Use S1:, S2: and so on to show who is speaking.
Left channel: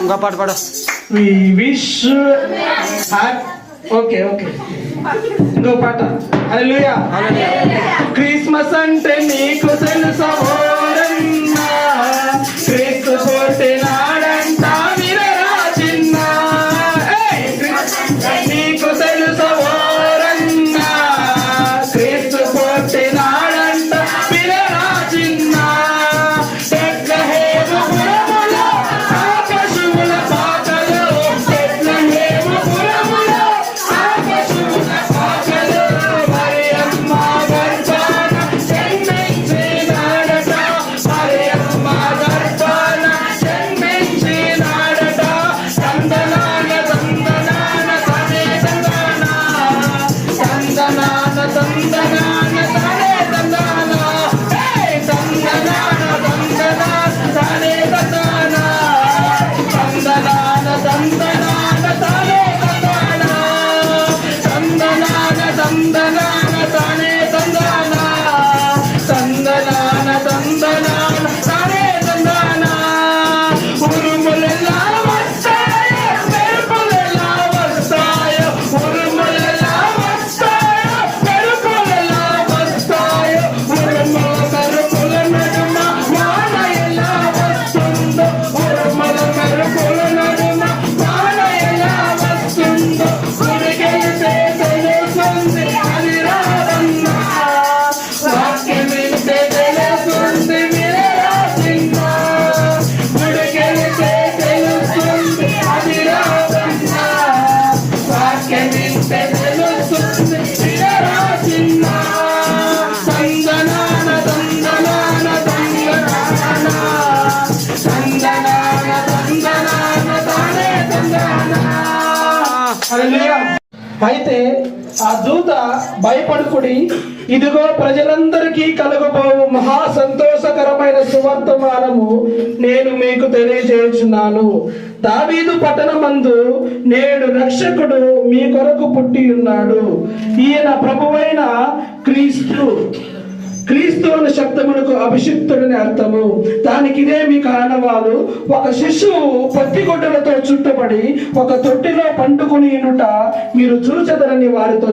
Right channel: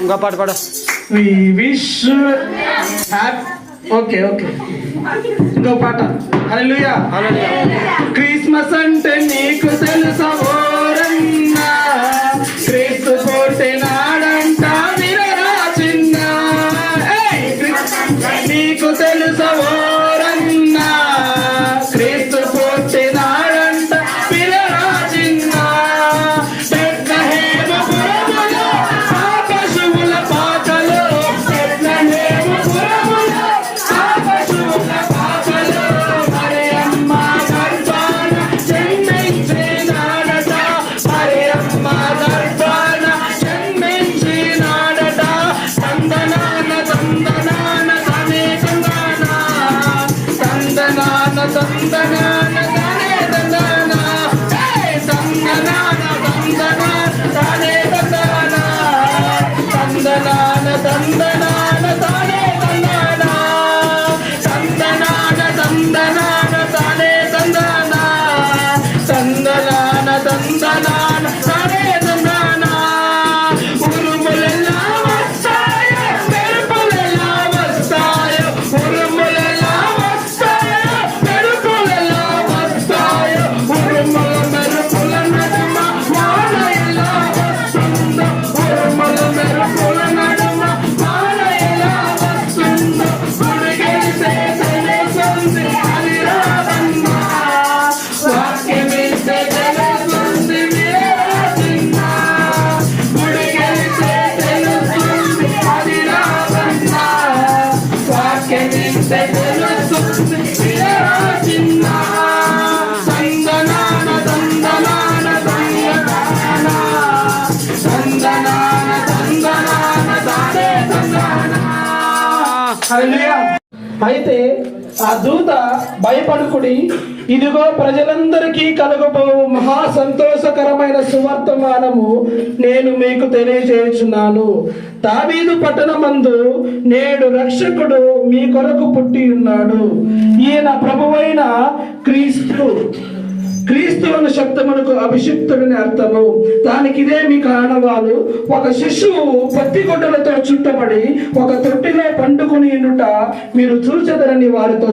S1: ఇంకో పాట పాడు.
S2: విష్ ఓకే ఓకే ఇంకో పాట హల్లెలూయా. క్రిస్మస్ சந்தனான சந்தனான தாயே சந்தனான. అయితే ఆ దూత భయపడుకుడి ఇదిగో ప్రజలందరికీ కలగబోవు మహా సంతోషకరమైన సువర్తమానము నేను మీకు తెలియజేస్తున్నాను దావీదు పట్టణమందు నేడు రక్షకుడు మీ కొరకు పుట్టి ఉన్నాడు. ఈయన ప్రభువైన క్రీస్తు. క్రీస్తువుని శబ్దమునకు అభిషిక్తుడని అర్థము. దానికి ఇదే మీకు ఒక శిశువు పత్తి గుడ్డలతో చుట్టబడి ఒక తొట్టిలో పండుకుని మీరు చూచదరని వారితో